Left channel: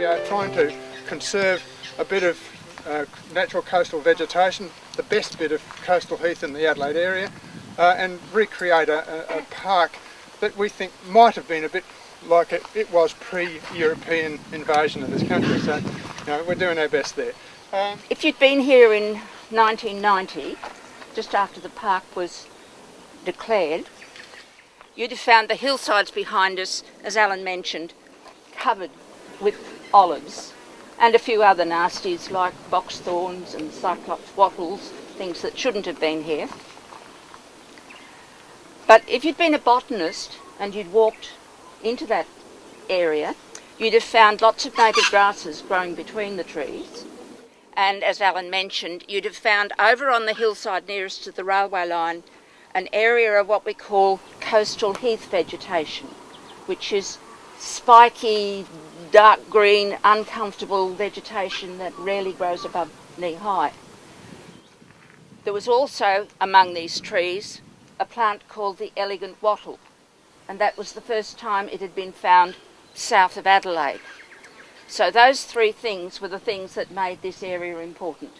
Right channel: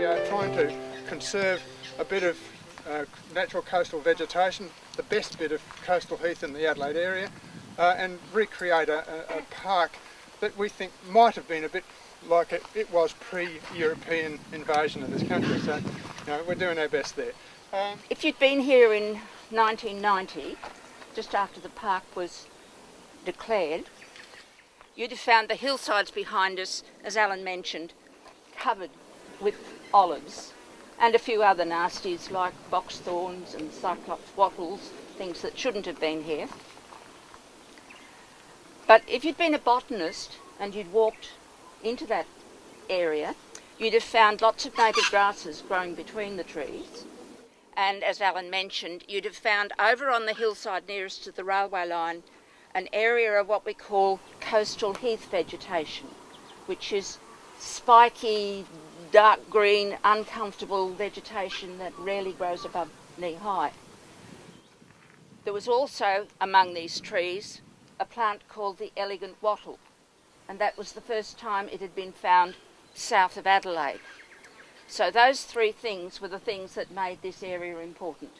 we are trying to conserve a bit of natural coastal vegetation, the best bit of coastal heath in the Adelaide area, and recreate a park that we think might have been a bit like it was pre-European invasion of this country. So, you know, we're doing our best there. If you'd been here in 1990, just after the park was declared, you'd have found the hillsides behind us, as Alan mentioned, covered with olives and a few other nasties like box thorns and cyclops wattles, things that shouldn't have been here. But if you'd been a botanist and you'd walked into that area, you'd have found lots of native grasses growing between the trees. And as Alan mentioned, you'd have found over on the hillside nearest to the railway line an area of what we call coastal heath vegetation, which is spiky, dark green, uncomfortable vegetation that rarely grows above knee high. There was also among these trees a plant called the elegant wattle, and that was the first time it had been found south of Adelaide. So those three things were the things that made this area important:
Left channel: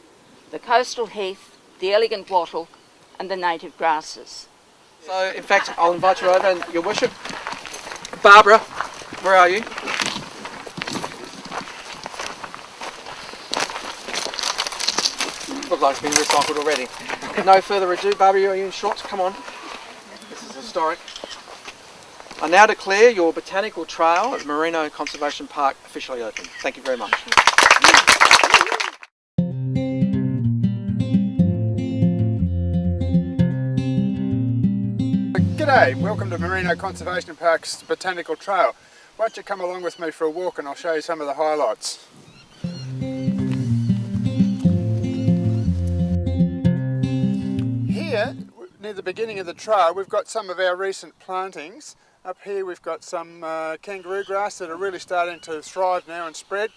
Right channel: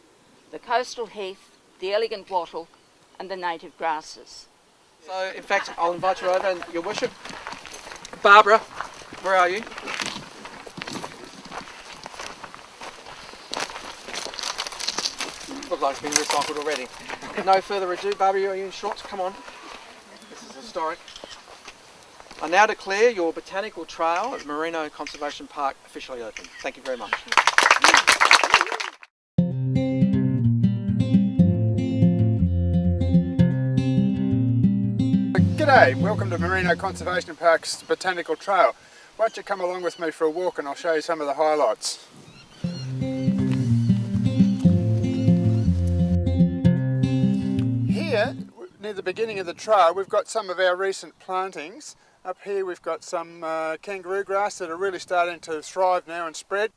the coastal heath, the elegant wattle, and the native grasses. So, in fact, I'll invite you over, and Your Worship. Barbara, where are you? Looks like it's been recycled already. No further ado, Barbara, are you in shorts? Come on. This is historic. I now declare your Botanical Trail at Marino Conservation Park officially open. Thank you very much. G'day, welcome to Marino Conservation Park's Botanical Trail. Why don't you come along with me for a walk and I'll show you some of the highlights. Here, near the beginning of the trail, we've got some of our recent plantings. Up here we've got some kangaroo grass that are really starting to thrive now and spread.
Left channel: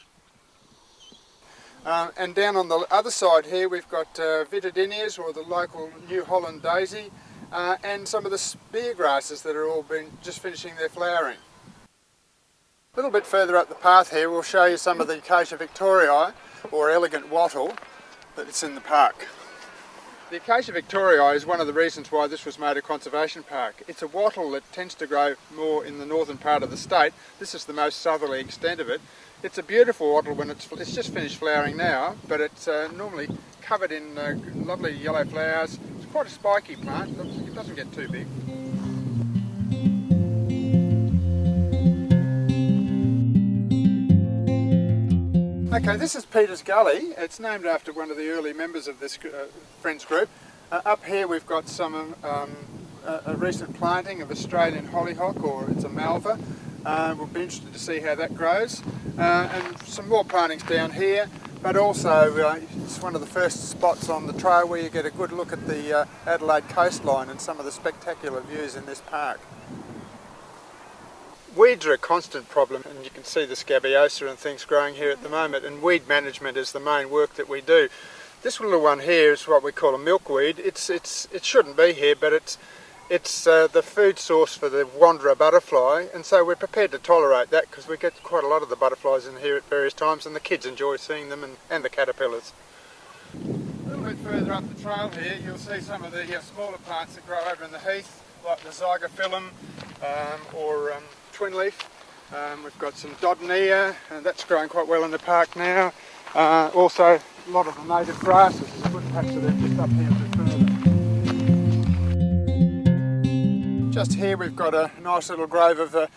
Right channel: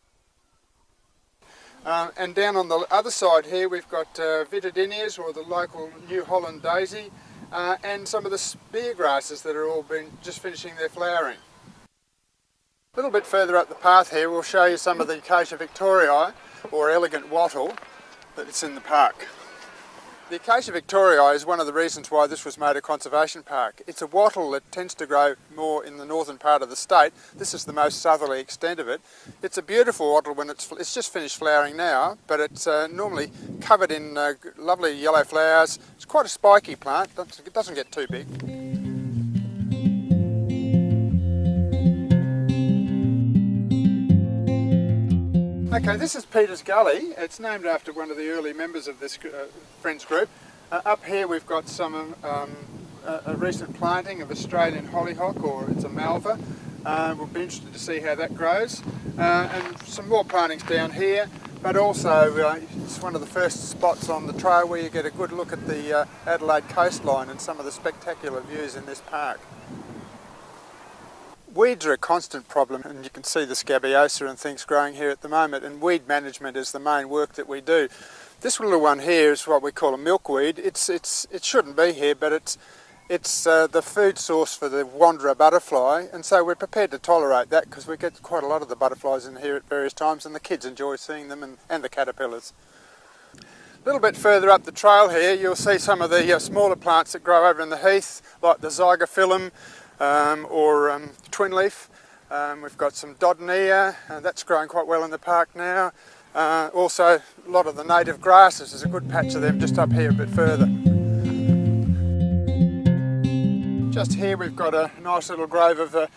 And down on the other side here we've got vitadinias, or the local New Holland daisy, and some of the spear grasses that are all just finishing their flowering. A little bit further up the path here we'll show you some of the Acacia victorii, or elegant wattle, that's in the park. The Acacia victorii is one of the reasons why this was made a conservation park. It's a wattle that tends to grow more in the northern part of the state. This is the most southerly extent of it. It's a beautiful wattle when it's just finished flowering now, but it's normally covered in lovely yellow flowers. It's quite a spiky plant, it doesn't get too big. Okay, this is Peter's Gully. It's named after one of the early members of this friends group. Up here we've got some a recent planting of Australian hollyhock, or it's a malva. We'll be interested to see how that grows. And some more plantings down here, but also it's one of the first spots on the trail where you get a good look at the Adelaide coastline and some of the spectacular views in this park. Weeds are a constant problem, and you can see the scabiosa and things growing here at the moment, and weed management is the main work that we do. This little one here is what we call a milkweed. It shouldn't be here, but it's the food source for the wanderer butterfly, and so we're prepared to tolerate that because we get quite a lot of the butterflies in here at various times, and the kids enjoy seeing them, and the caterpillars. A little bit further up the trail here you'll see some of the smaller plants that grow over in the heath, like the zygophyllum or twin leaf. We've got some dodonea, and that's growing quite well in the park now. Also a lot of the native grasses, there's a good patch of them just up here a bit further. Just here we've got a nice little grove of the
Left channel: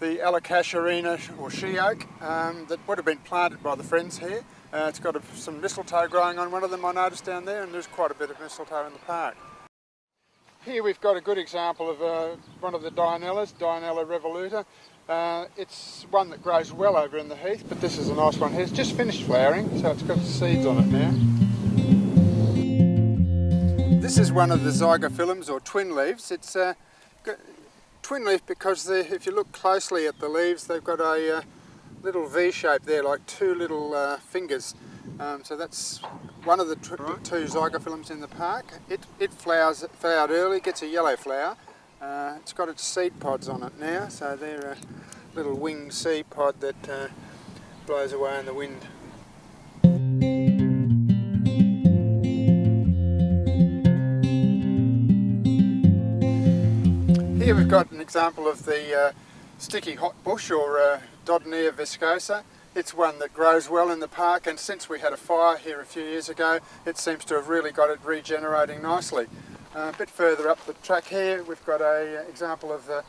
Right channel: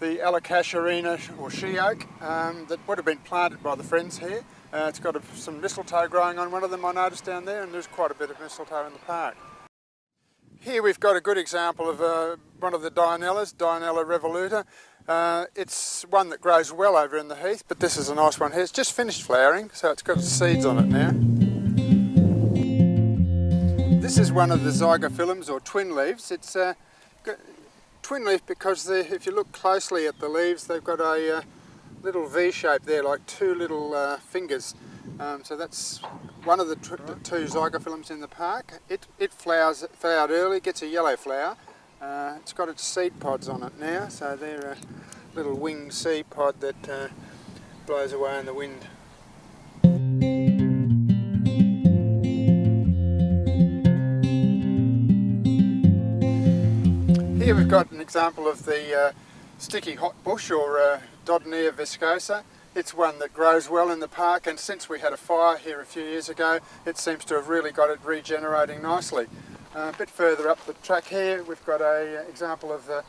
Alocasarina, or she oak, that would have been planted by the friends here. It's got some mistletoe growing on one of them, I noticed down there, and there's quite a bit of mistletoe in the park. Here we've got a good example of one of the Dianellas, Dianella revoluta. It's one that grows well over in the heath, but this is a nice one here. It's just finished flowering, so it's got seeds on it now. This is one of the zygophyllums, or twin leaves. It's twin leaf because if you look closely at the leaves, they've got a little V shape there, like two little fingers. So that's one of the two zygophyllums in the park. It flowered early, gets a yellow flower. It's got its seed pods on it now, so they're a little winged seed pod that blows away in the wind. Here we've got an example of the sticky hot bush, or Dodonea viscosa. It's one that grows well in the park, and since we had a fire here a few years ago, it seems to have really got it regenerating nicely. A bit further up the track here, we've got an example of the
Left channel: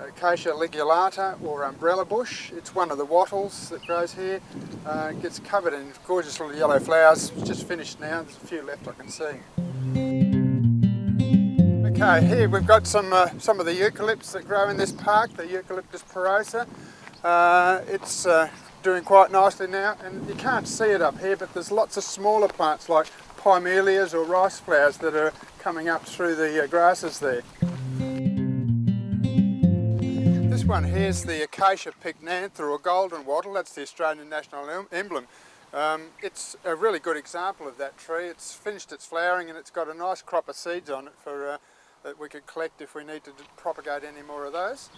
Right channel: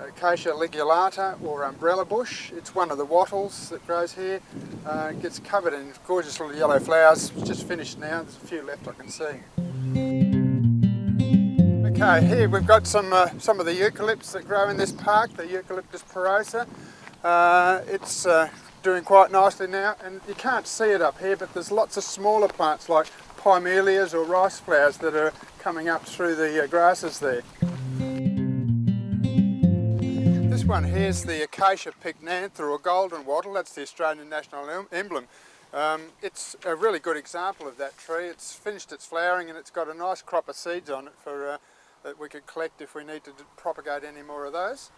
Acacia ligulata, or umbrella bush. It's one of the wattles that grows here. It gets covered in gorgeous little yellow flowers. It's just finished now. There's a few left I can see. Okay, here we've got some of the eucalypts that grow in this park, the Eucalyptus porosa. It's doing quite nicely now, and you can't see it up here, but there's lots of smaller plants like pymelias or rice flowers that are coming up through the grasses there. This one here's the Acacia pycnantha, or golden wattle. That's the Australian national emblem. It's a really good example of that tree. It's finished its flowering and it's got a nice crop of seeds on it for that we could collect if we need to propagate any more of those.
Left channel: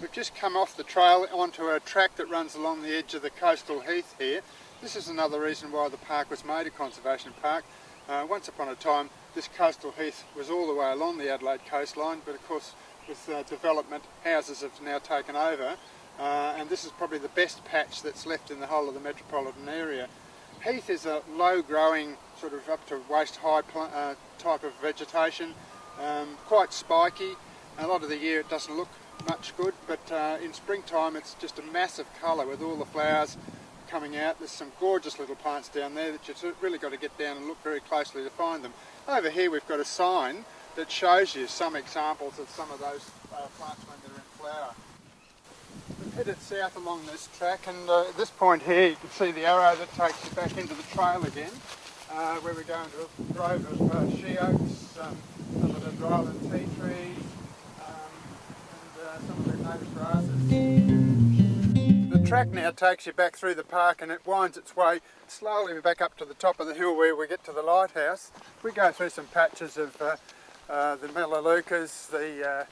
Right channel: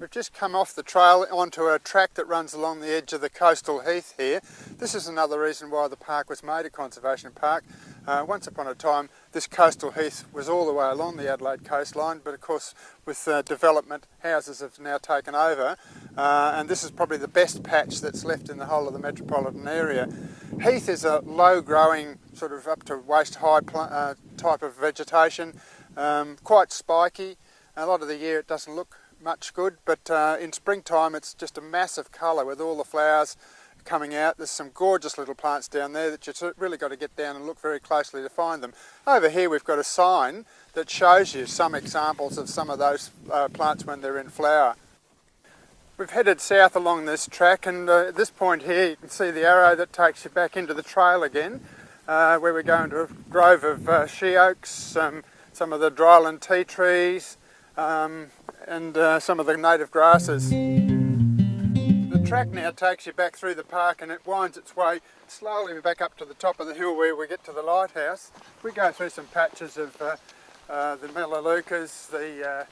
We've just come off the trail onto a track that runs along the edge of the coastal heath here. This is another reason why the park was made a conservation park. Once upon a time this coastal heath was all the way along the Adelaide coastline, but of course with development, houses have now taken over, and this is probably the best patch that's left in the whole of the metropolitan area. Heath is a low growing, sort of up to waist high type of vegetation, quite spiky. A lot of the year it doesn't look much good, but in springtime it's just a massive colour with all the flowers coming out. There's some gorgeous little plants down there that you've really got to get down and look very closely to find them. Over here we've got a sign that shows you some examples of some of those plants when they're in flower. We've headed south along this track, and at this point here you can see the arrow that takes you back into the trail again, where we're going to a grove of she oaks, some of the dryland tea trees, and some of the native grasses. The track now takes you back through the park, and it winds its way slowly back up to the top of the hill where we get to the lighthouse. We go through some patches of the melaleucas, the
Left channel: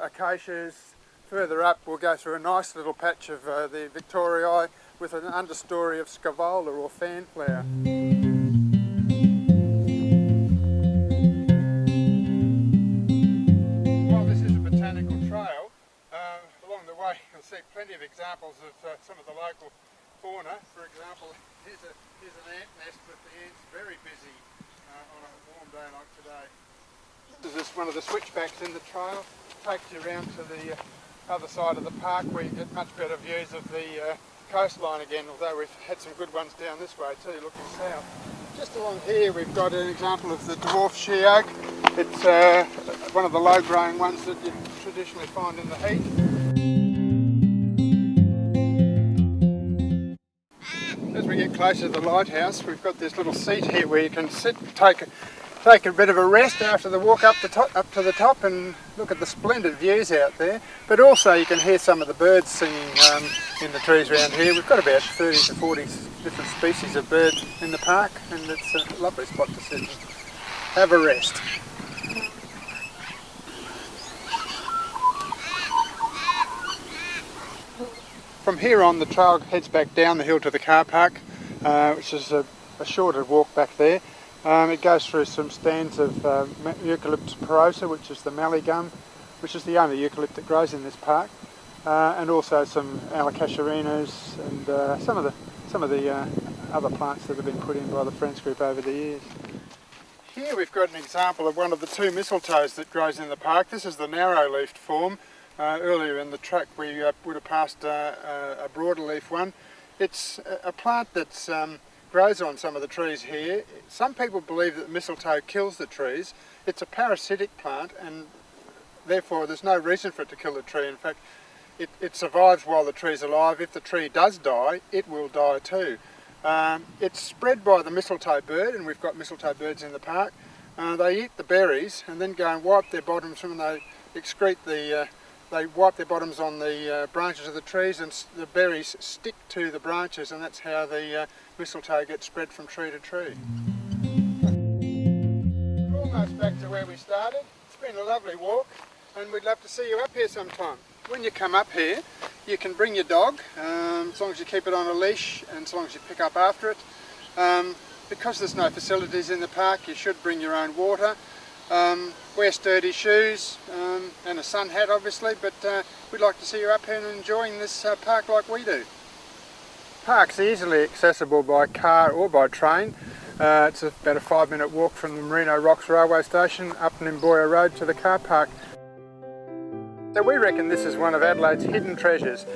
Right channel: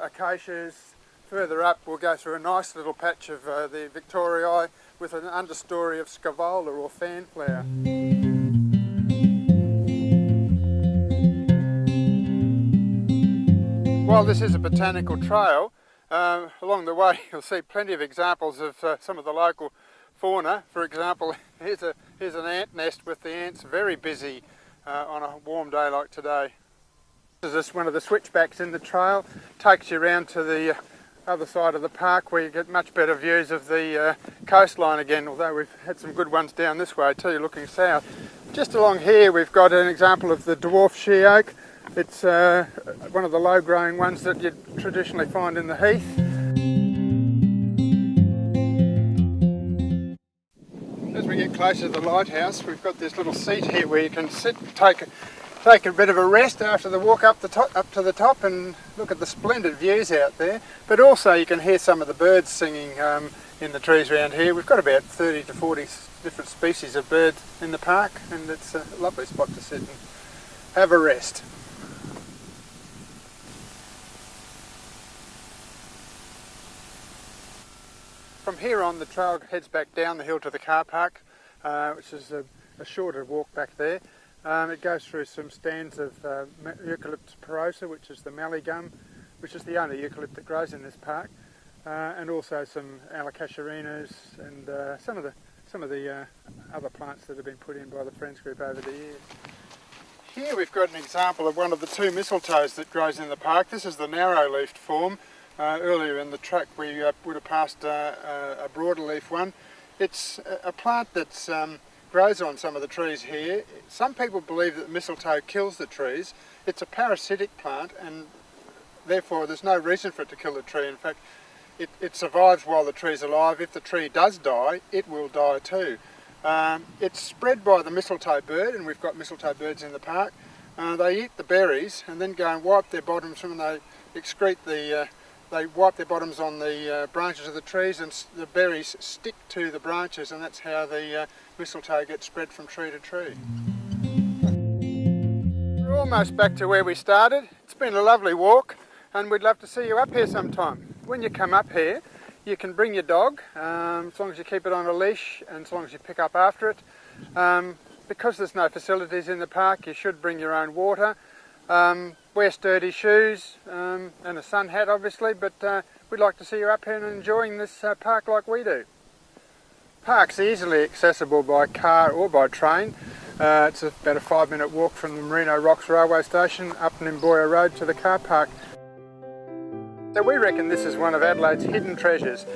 acacias. Further up we'll go through a nice little patch of the Victoriae with an understory of scaevola, or fanflower. While this is a botanical trail, along the way you'll see plenty of examples of some of the local fauna. For example, here's an ant nest with the ants very busy on a warm day like today. This is one of the switchbacks in the trail. Takes you around to the other side of the park where you get much better views of the coastline again, although we've had some good ones down this way too, looking south. Just along here we've got an example of the dwarf she oak. It's one of the low growing ones that you traditionally find in the heath. As we get closer to the lighthouse, we've got this little seat here where you can sit, take a bit of a rest after the walk up to the top and look at the splendid views out there. But also you can hear some of the birds singing in the trees around here. We've got about 30 to 40 different species of birds in the park, and it's a lovely spot to sit and have a rest. From here on, the trail heads back down the hill to the car park, which is a shorter walk back there. It goes through some stands of Eucalyptus porosa, which is the mallee gum, which is the only eucalypt that grows in this park, and also some alocasarinas and some of the other plants that have been put in by the Friends group over the years. Here we've got an example of one of the two mistletoes that grows in the park. This is the narrow-leafed form. Earlier in the track we would have passed a broader leaf one. It's a plant that grows on some of the trees here. Some people believe that mistletoe kills the trees. It's a parasitic plant, and therefore there's no reason for it to kill the tree. In fact, it survives while the tree's alive. If the tree does die, it will die too. It's spread by the mistletoe bird, and we've got mistletoe birds in the park. They eat the berries and then go and wipe their bottoms when they excrete they wipe their bottoms on the branches of the trees, and the berries stick to the branches, and that's how the mistletoe gets spread from tree to tree. We're almost back to where we started. It's been a lovely walk and we'd love to see you up here sometime. When you come up here, you can bring your dog, as long as you keep it on a leash and as long as you pick up after it. Because there's no facilities in the park, you should bring your own water. Wear sturdy shoes and a sun hat obviously, but we'd like to see you up here and enjoying this park like we do. Park's easily accessible by car or by train. It's about a 5-minute walk from the Marino Rocks railway station up Nimboya Road to the car park. So we reckon this is one of Adelaide's hidden treasures.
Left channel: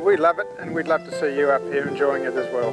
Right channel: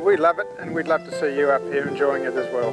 We love it and we'd love to see you up here enjoying it as well.